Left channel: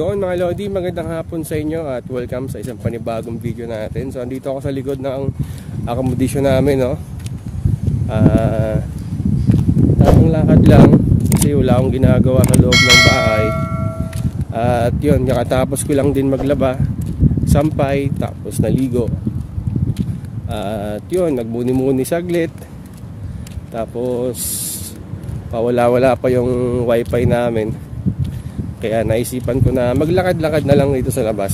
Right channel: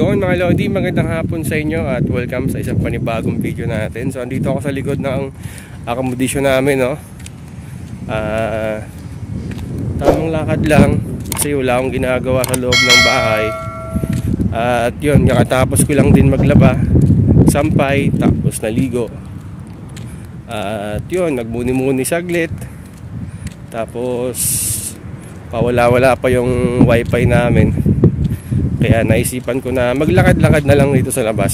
Yun mga Lodi, magandang hapon sa inyo at welcome sa isang panibagong video natin. So andito ako sa likod ng accommodation namin, no. Tamang lakad lang kasi wala akong ginagawa sa loob ng bahay. At yun, kakatapos ko lang din maglaba, sampay, tapos naligo. At yun, nagmuni-muni saglit. Tapos pawala-wala pa yung wifi namin. Kaya naisipan ko na maglakad-lakad na lang dito sa labas,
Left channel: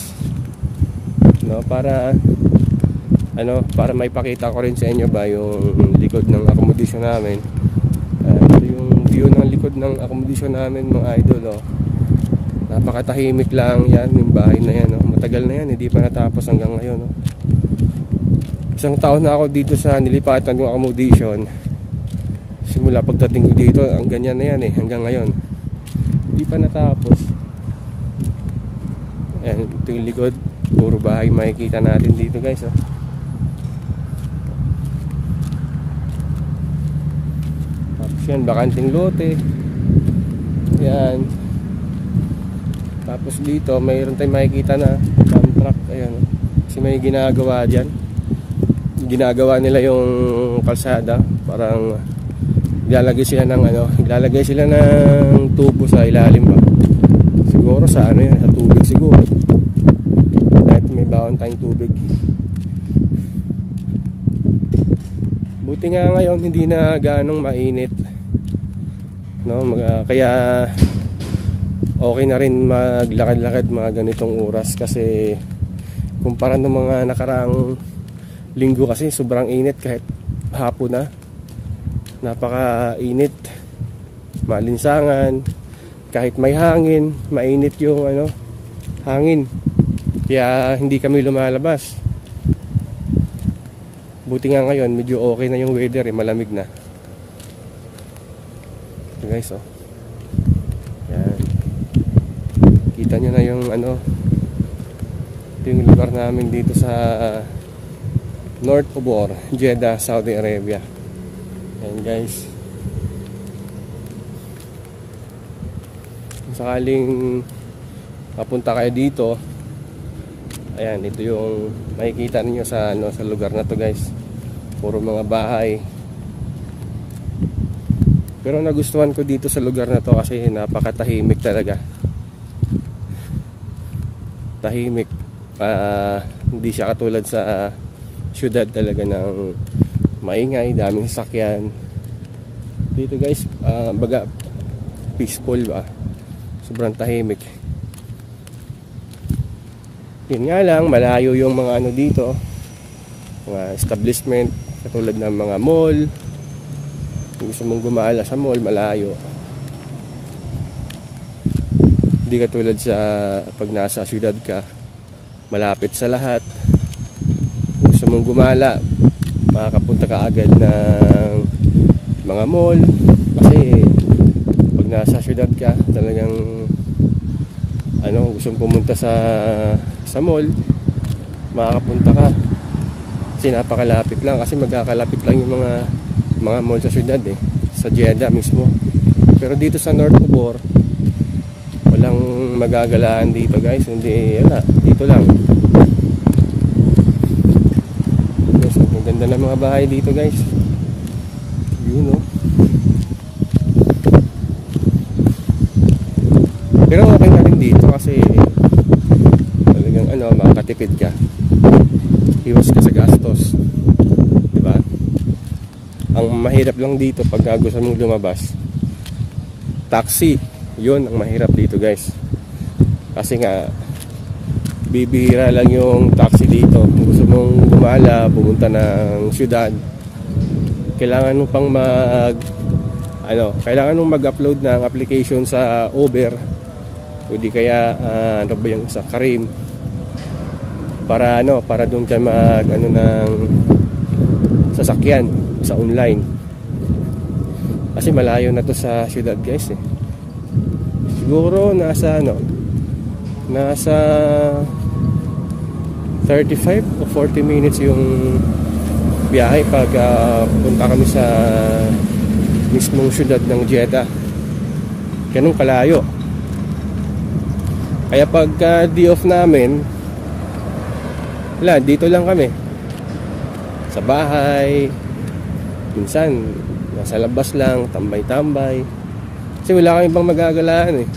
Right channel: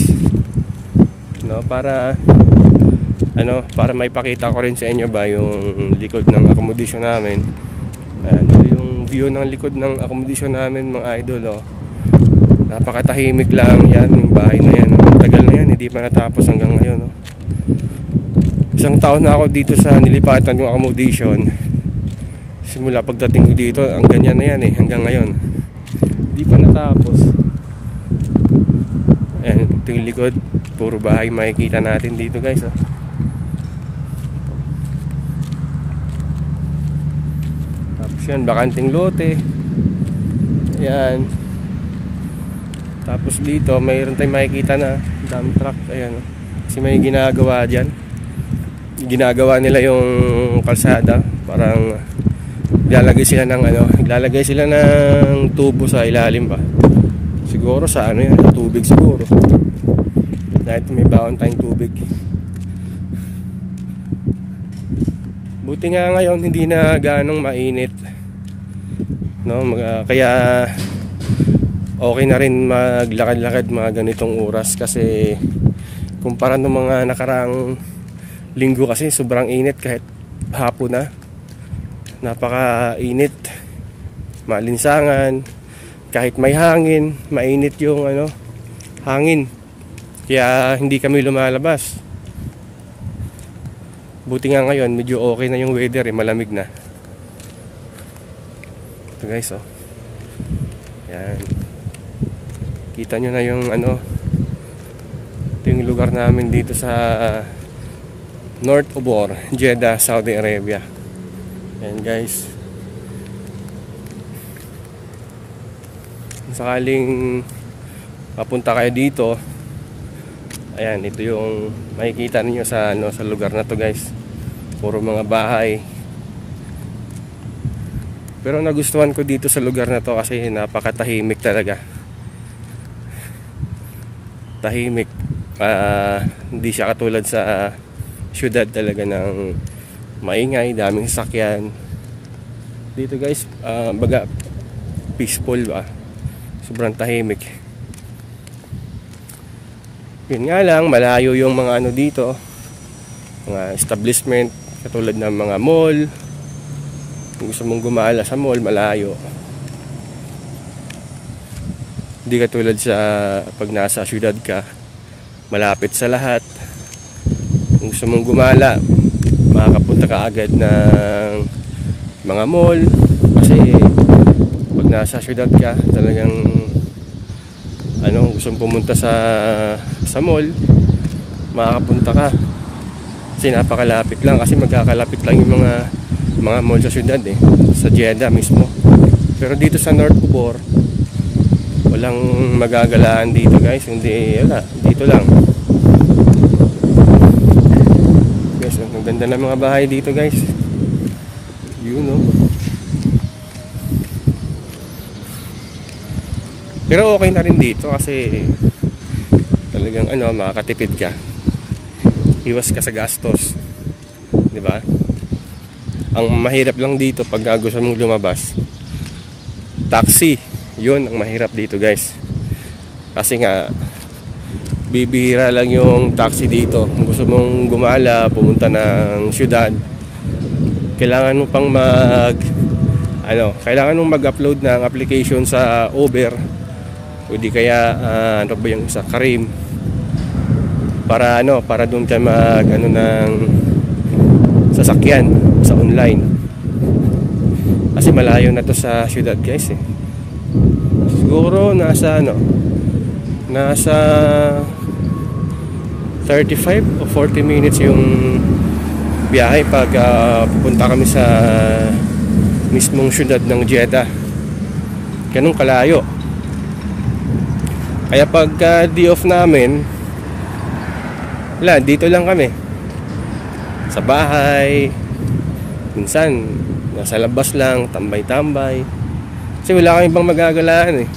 no, para maipakita ko rin sa inyo ba yung likod ng accommodation namin. Yung view ng likod ng accommodation namin, mga idol, oh. Napakatahimik lang yan, yung bahay na yan, oh. Tagal na yan, hindi pa natapos hanggang ngayon, oh. Isang taon na ako dito sa nilipatan yung accommodation. Simula pagdating ko dito, ang ganyan na yan hanggang ngayon. Hindi pa natapos. Ayan, ito yung likod. Puro bahay makikita natin dito, guys, oh. Tapos yan, bakanting lote. Ayan. Tapos dito mayroon tayong makikita na dump truck. Ayan, oh. Kasi may ginagawa dyan. Ginagawa nila yung kalsada. Parang Ilalagay sila ng tubo sa ilalim ba? Siguro sa sa tubig siguro. Dahil may baon tayong tubig. Buti nga ngayon hindi na ganong mainit, no? Kaya okay na rin maglakad-lakad mga ganitong oras kasi kumpara ng mga nakaraang linggo kasi sobrang init kahit hapon na. Napaka-init, malinsangan, kahit may hangin, mainit yung hangin. Kaya hindi kami lumalabas. Buti nga ngayon, medyo okay na yung weather, malamig na. Ito guys, oh. Yan. Kita nyo na yung ito yung lugar namin dito sa North Obor, Jeddah, Saudi Arabia. Ayan guys, kung sakaling mapunta kayo dito, ayan, ito yung makikita ninyo sa lugar na to, guys. Puro mga bahay. Pero nagustuhan ko dito sa lugar na to kasi napakatahimik talaga. Tahimik. Hindi siya katulad sa syudad talaga ng maingay, daming sasakyan. Dito guys, baga peaceful ba? Sobrang tahimik. Yun nga lang, malayo yung mga dito, mga establishment, katulad ng mga mall. Kung gusto mong gumala sa mall, malayo. Hindi katulad sa pag nasa syudad ka, malapit sa lahat. Kung gusto mong gumala, makakapunta ka agad ng mga mall. Kasi pag nasa syudad ka, talagang gusto mong pumunta sa mall, makakapunta ka kasi napakalapit lang. Kasi magkakalapit lang yung mga mall sa syudad, sa Jeddah mismo. Pero dito sa North Obor, walang magagalaan dito, guys. Hindi, dito lang. Ang ganda ng mga bahay dito, guys. Yun, no? Pero okay na rin dito kasi talagang makakatipid ka. Iwas ka sa gastos, di ba? Ang mahirap lang dito pag gusto mong lumabas, taxi. Yun ang mahirap dito, guys. Kasi nga bibihira lang yung taxi dito. Kung gusto mong gumala, pumunta ng syudad, kailangan mo pang kailangan mong mag-upload ng application sa Uber o di kaya ba yung sa Careem para doon ka ng sasakyan sa online. Kasi malayo na to sa syudad, guys, Siguro nasa 35 o 40 minutes yung biyahe pag pupunta kami sa mismong syudad ng Jeddah. Ganun kalayo. Kaya pagka day off namin, wala, dito lang kami sa bahay. Minsan nasa labas lang, tambay-tambay, kasi wala kami ibang magagalaan eh.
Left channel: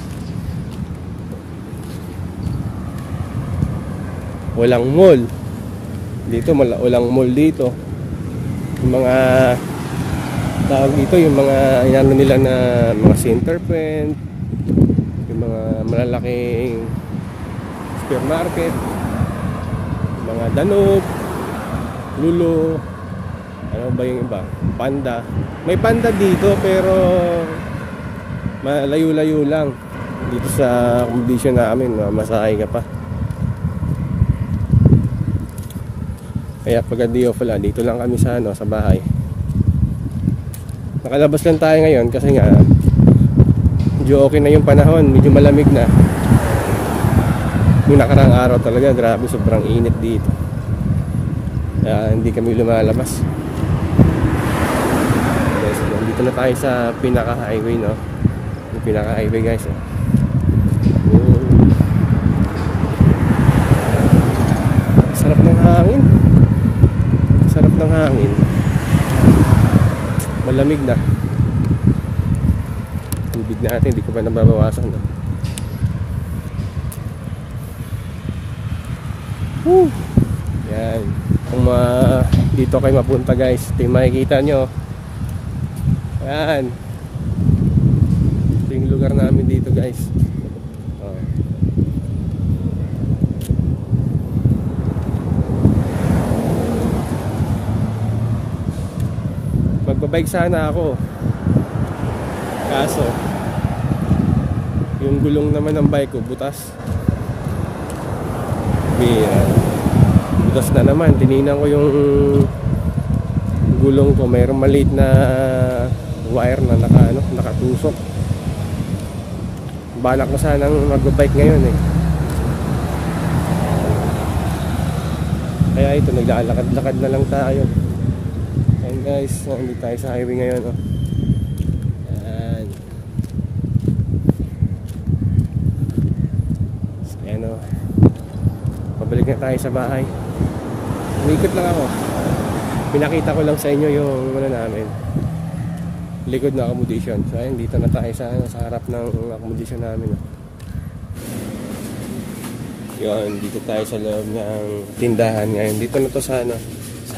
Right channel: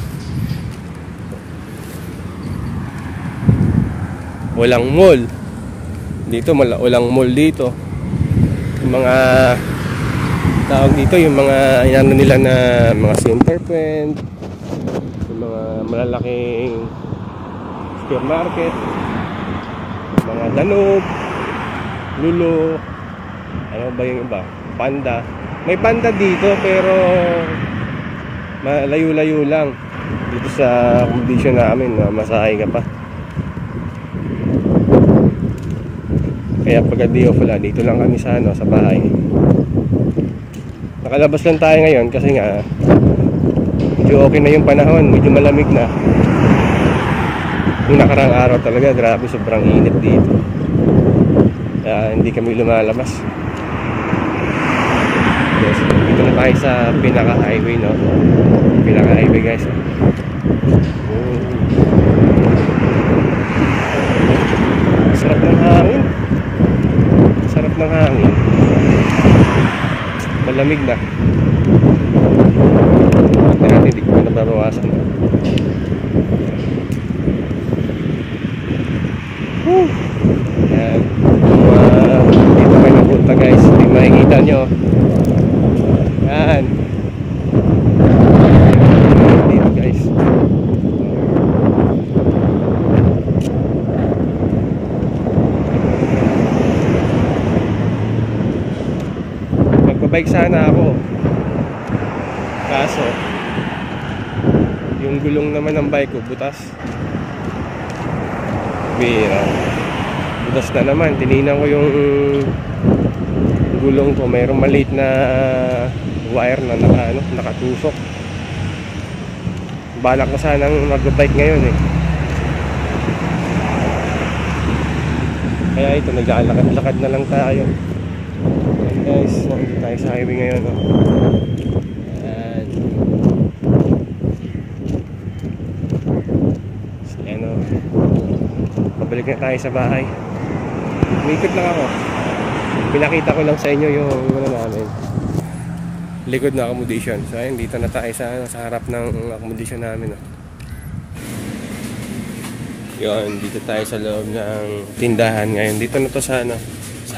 Walang mall dito, walang mall dito. Yung mga tawag dito, yung mga inano nila na mga center point, yung mga malalaking supermarket, mga Danube, Lulu, ano ba yung iba, Panda. May Panda dito pero malayo-layo lang dito sa accommodation namin, masahe ka pa. Kaya pagka day off, wala, dito lang kami sa sa bahay. Nakalabas lang tayo ngayon kasi nga medyo okay na yung panahon, medyo malamig na. Yung nakarang araw talaga, grabe, sobrang init dito. Kaya hindi kami lumalabas. Yes, dito na tayo sa pinaka-highway, no? Pinaka-highway, guys. Sarap ng hangin. Sarap ng hangin. Malamig na. Natin, hindi ko pa nababawasan. Yan. Dito kayo mapunta, guys. Hindi makikita nyo. Yan. Dito, guys. Magbabike sana ako, kaso yung gulong naman ng bike ko butas. Bira, butas na naman. Tinignan ko yung gulong ko, mayroong maliit na wire na nakatusok. Balak ko sanang magbabike ngayon eh. Kaya ito, naglalakad-lakad na lang tayo. Yan guys, hindi tayo sa highway ngayon, oh. Yan. So yan, oh. Pabalik na tayo sa bahay. Umikot lang ako. Pinakita ko lang sa inyo yung namin, likod na accommodation. So ayun, dito na tayo sa harap ng accommodation namin, oh. Yun, dito tayo sa loob ng tindahan ngayon. Dito na to sa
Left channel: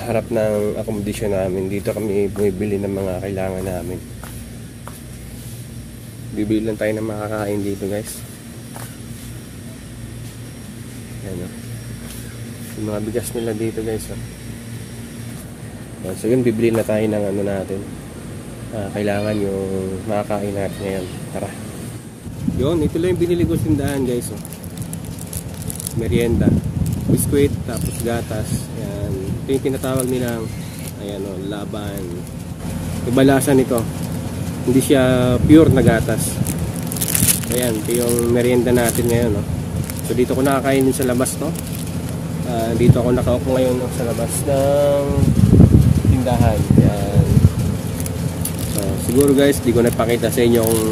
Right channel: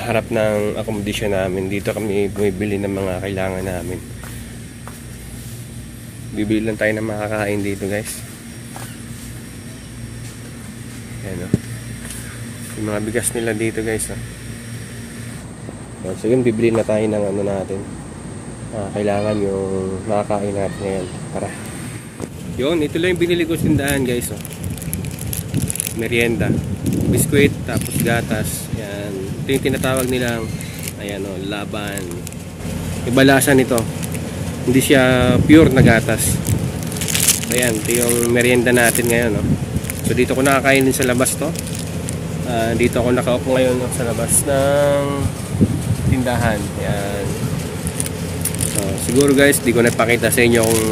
harap ng accommodation namin. Dito kami bumibili ng mga kailangan namin. Bibili lang tayo ng makakain dito, guys. Yan, oh. Yung mga bigas nila dito, guys, oh. So yun, bibili na tayo ng natin. Kailangan yung makakain natin ngayon. Tara. Yun, ito lang yung binili ko tindahan, guys, oh. Merienda, biskwit, tapos gatas. Yan, ito yung tinatawag nilang, ayan, oh, laban. Iba lasa nito, hindi siya pure na gatas. So yan, ito yung merienda natin ngayon, oh. So dito ko nakakainin sa labas to. Dito ako nakaupo ngayon, oh, sa labas ng tindahan. Yan. So siguro, guys, di ko napakita sa inyo kung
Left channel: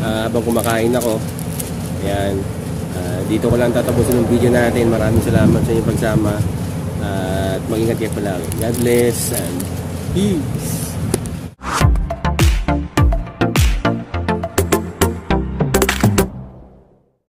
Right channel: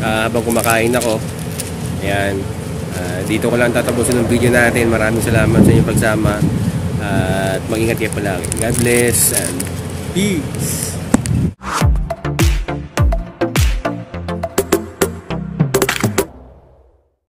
habang kumakain ako. Ayan. Dito ko lang tatapusin ng video natin. Maraming salamat sa inyong pagsama, at mag-ingat kayo palagi. God bless and peace.